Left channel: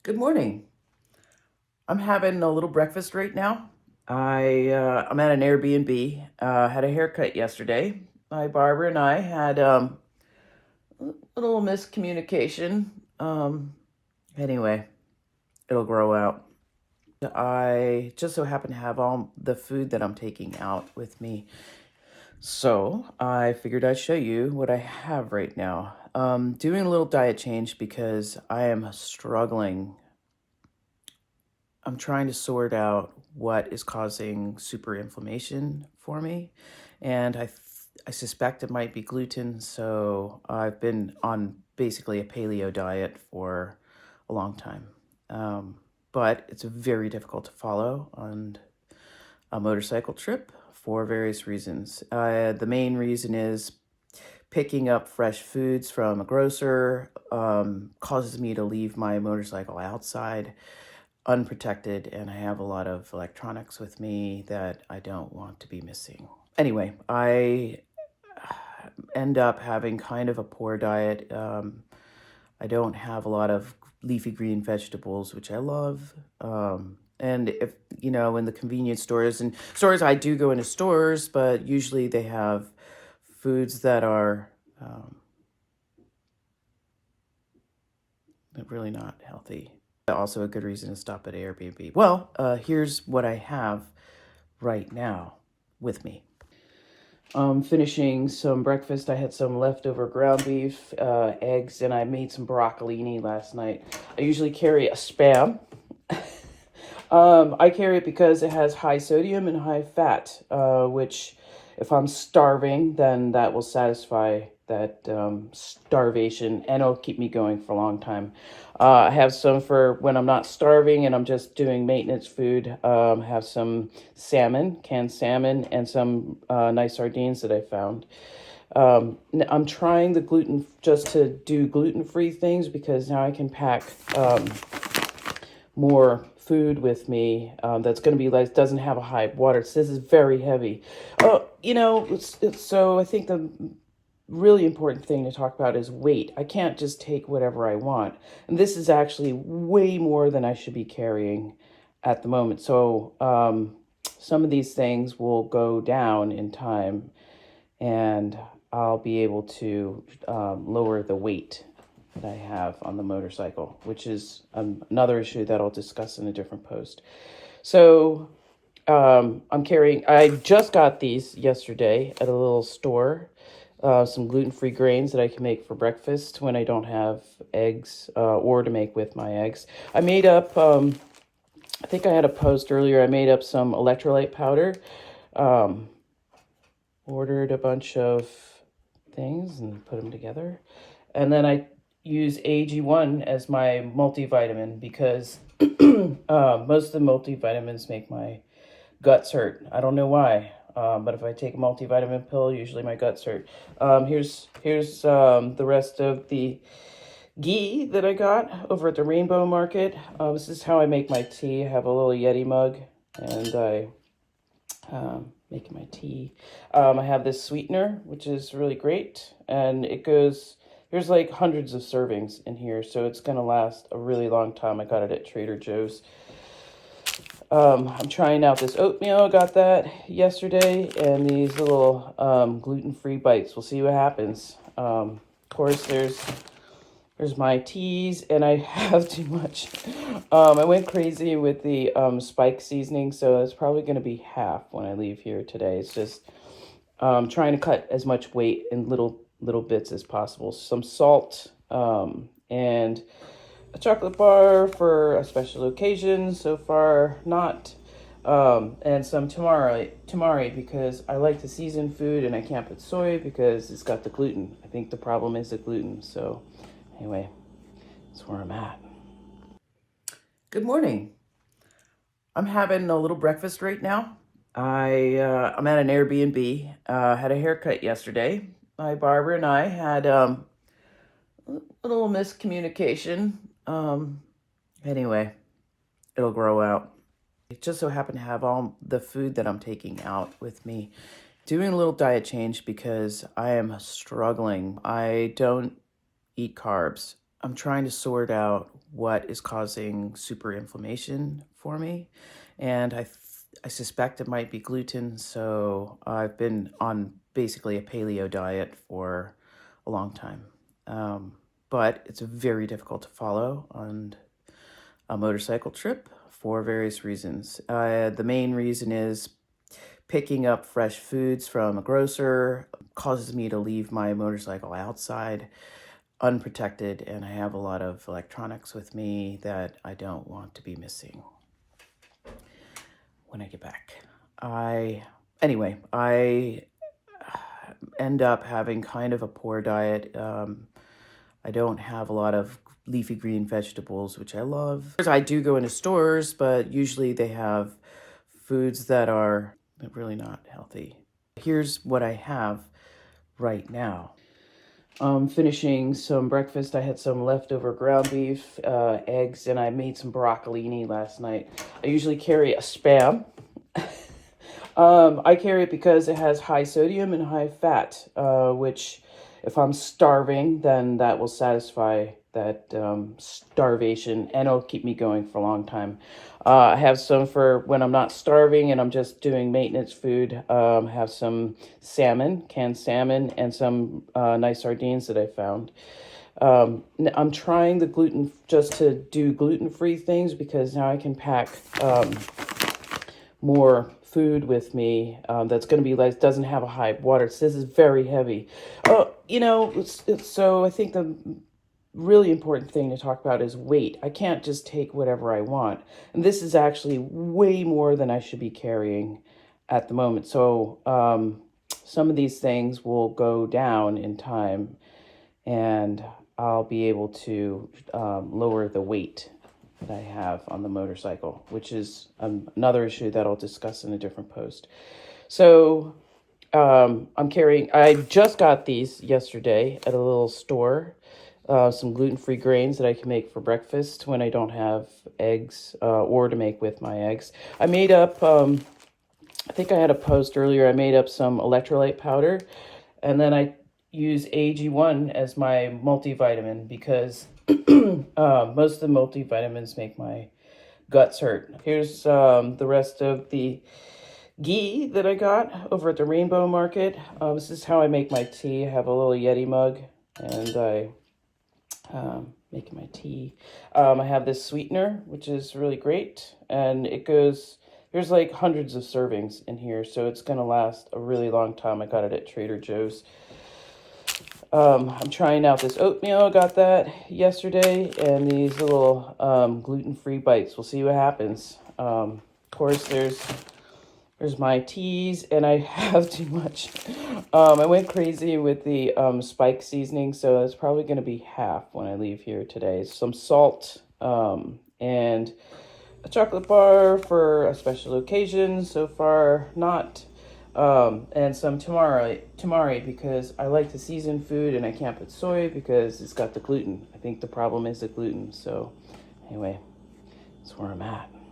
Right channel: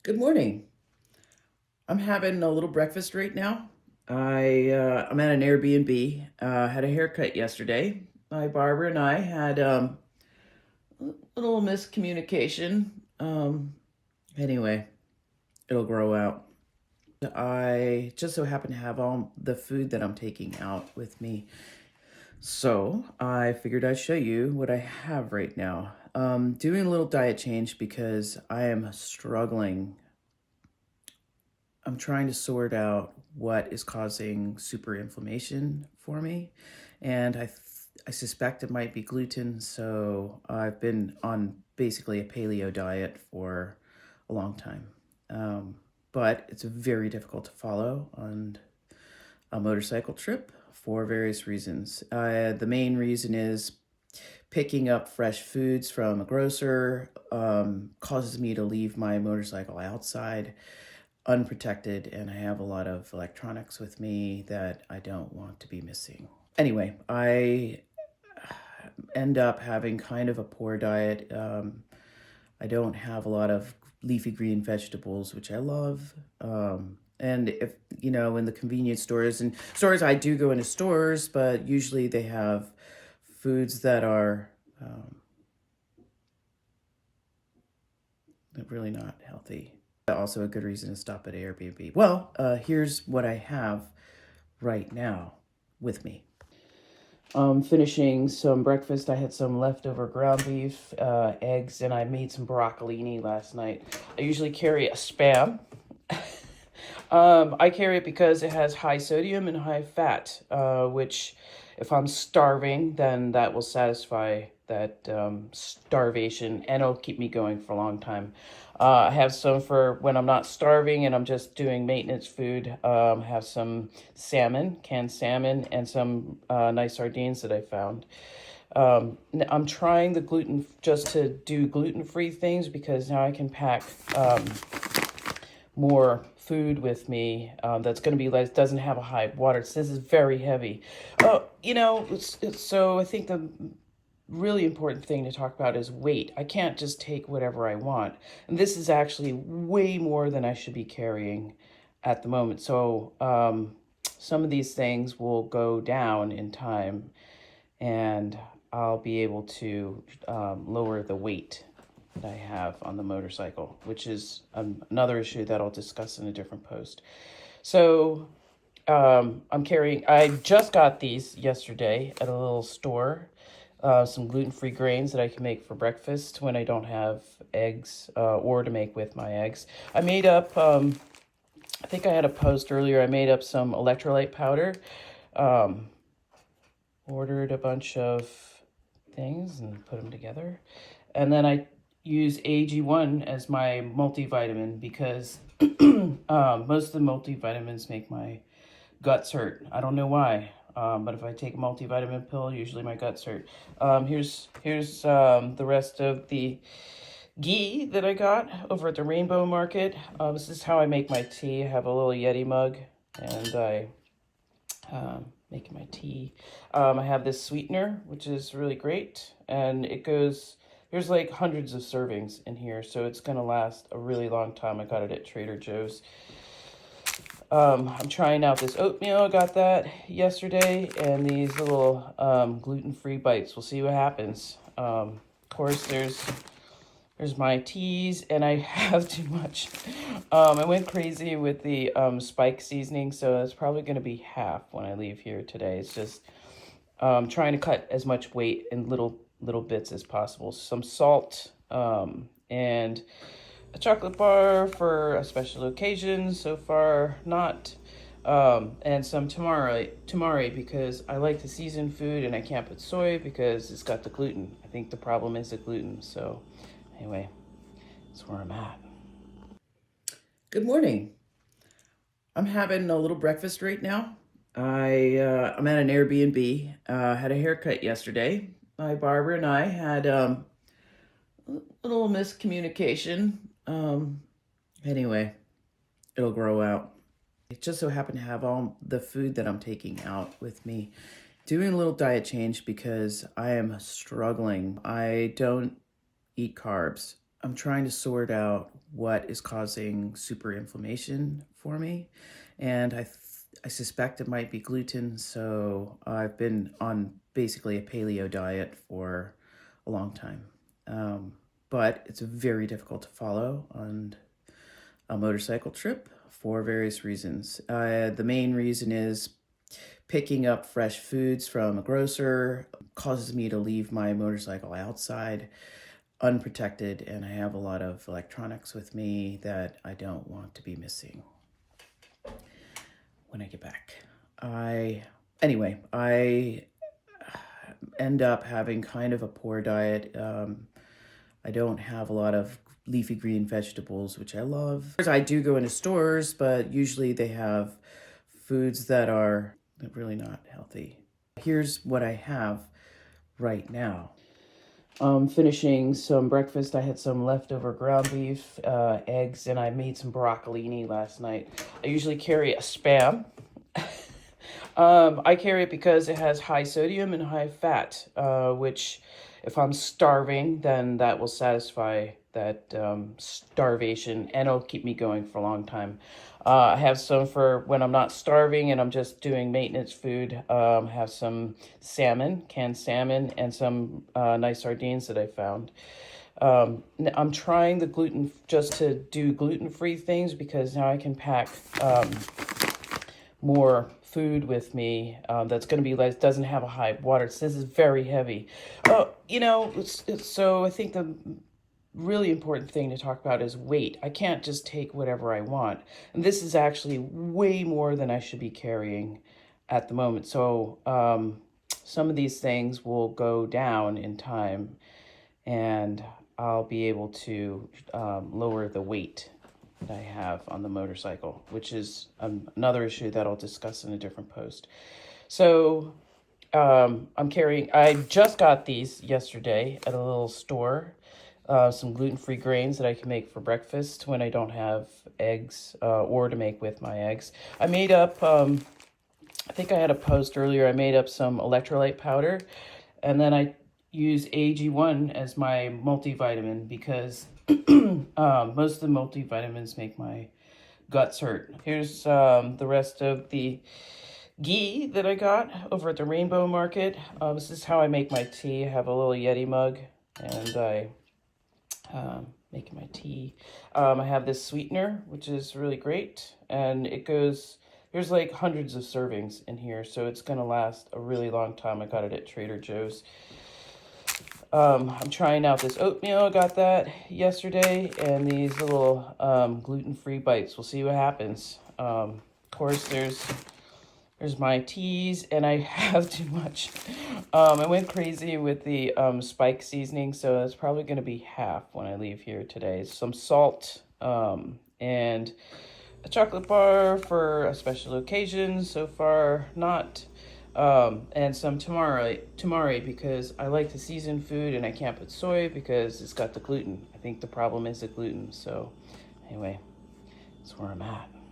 Good morning. I'm having a little breakfast right now. I'm at an Airbnb. Had a haircut yesterday. My barber and I had a little miscommunication. Anyway, it'll grow out. I just so happen to have all the food that I'm taking out with me. So I figured I'd show you what I have right now. Doing a little diet change because I am struggling. I'm trying to sort out what is causing super inflammation for me, and I suspect it might be gluten. So I've been on basically a paleo diet for a long time, but it's very difficult to follow on a motorcycle trip for various reasons. The main reason is picking up fresh foods from a grocer causes me to leave my motorcycle outside unprotected, and I have a lot of electronics with me that I don't want to be missing. Anyway, I end up having kind of a poor diet. I don't have a lot of leafy green vegetables, which I love. And if, in the convenience stores and stores, I do go into stores, but usually they have foods that are really not healthy. Also a good reason to stop at Airbnb. Well, here's what I have right now with me. Finishing some breakfast. I had some leftover ground beef, eggs, and I made some broccolini last night. I usually carry a Spam. I carry it because it has high sodium and high fat, which if I'm starving, then that will satisfy that starvation, and it'll keep me going for a long time. I have some for when I'm not starving and I'm just doing maintenance food. I have some salmon, canned salmon, and some nice sardines that I found. I'm trying the gluten just to do gluten-free things because now I can pack more food with me that's going to be like, doesn't have a high water. It says it's very heavy. Oh, so I think the really important thing to talk about is weight. I can't just take whatever I want. And this is actually way more than I should be carrying at the moment. So some of these things will go down in time, and I'll be able to lower the weight that I have on the motorcycle, which is another issue that I'll discuss in a different post. So I just got these yesterday at a little store, some gluten-free grains that I can make for breakfast when I don't have eggs or to make with my eggs. I made up, I think I had a post earlier, I made up some electrolyte powder, ordered a bunch of things and put them together. And then I use AG1 as my multivitamin because most of the multivitamins make my guts hurt. I don't know why, but if I take a multivitamin pill, usually my guts hurt. Here's the rest of the ghee that I got over at the Rainbow Market. This is how I make my tea. I have a little Yeti mug, and I making my tea. I have this sweetener, which is really great, and there's like hundreds of servings in here, so it's gonna last a really long time. I got it at Trader Joe's. I'm trying out this oatmeal. I got that yesterday, and these little gluten-free bites. We'll see what happens. Of course, there's my teas, and I have too much. I went crazy with the spike seasoning, so it's probably going to be half when I leave here today. It's just trying to cut as much weight in little bits as possible. Some salt and a chocolate bar for a special occasion. So far, not. And some tamari because I like to season food and I can't put soy because it's got the gluten. I think the problem is the gluten. So anyway, that's where I'm at. Good morning. I'm having a little breakfast right now. I'm at an Airbnb. Had a haircut yesterday. My barber and I had a little miscommunication. Anyway, it'll grow out. I just so happen to have all the food that I'm taking out with me. Doing a little diet change because I am struggling. I don't eat carbs. I'm trying to sort out what is causing super inflammation for me. And I suspect it might be gluten, so I've been on basically a paleo diet for a long time. But it's very difficult to follow on a motorcycle trip for various reasons. The main reason is picking up fresh foods from a grocer causes me to leave my motorcycle outside unprotected, and I have a lot of electronics with me that I don't want to be missing when I get back. Anyway, I end up having kind of a poor diet. I don't have a lot of leafy green vegetables, which I love. I do go into stores, but usually they have foods that are really not healthy. Here's what I have right now. Finishing some breakfast. I had some leftover ground beef, eggs, and I made some broccolini last night. I usually carry a Spam. I carry it because it has high sodium and high fat, which if I'm starving, then that will satisfy that starvation, and it'll keep me going for a long time. I have some for when I'm not starving and I'm just doing maintenance food. I have some salmon, canned salmon, and some nice sardines that I found. I'm trying the gluten, just to do gluten-free things, because now I can pack more food with me that's going to be like, doesn't have a high water. It says it's very heavy. So I think the really important thing to talk about is weight. I can't just take whatever I want. And this is actually way more than I should be carrying at the moment. So some of these things will go down in time, and I'll be able to lower the weight that I have on the motorcycle, which is another issue that I'll discuss in a different post. So I just got these yesterday at a little store, some gluten-free grains that I can make for breakfast when I don't have eggs, or to make with my eggs. I made up, I think I had a post earlier, I made up some electrolyte powder, and then I use AG1 as my multivitamin, because most of the multivitamins make my guts hurt. Here's the rest of the ghee that I got over at the Rainbow Market. This is how I make my tea. I have a little Yeti mug, and I making my tea. I have this sweetener, which is really great, and there's like hundreds of servings in here, so it's gonna last a really long time. I got it at Trader Joe's. I'm trying out this oatmeal. I got that yesterday, and these little gluten-free bites. We'll see what happens. Of course, there's my teas, and I have too much. I went crazy with the spike seasoning, so it's probably going to be half when I leave here today. Some salt and a chocolate bar for a special occasion. So far, not. And some tamari, because I like to season food and I can't put soy because it's got the gluten. I think the problem is the gluten. So anyway, that's where I'm at.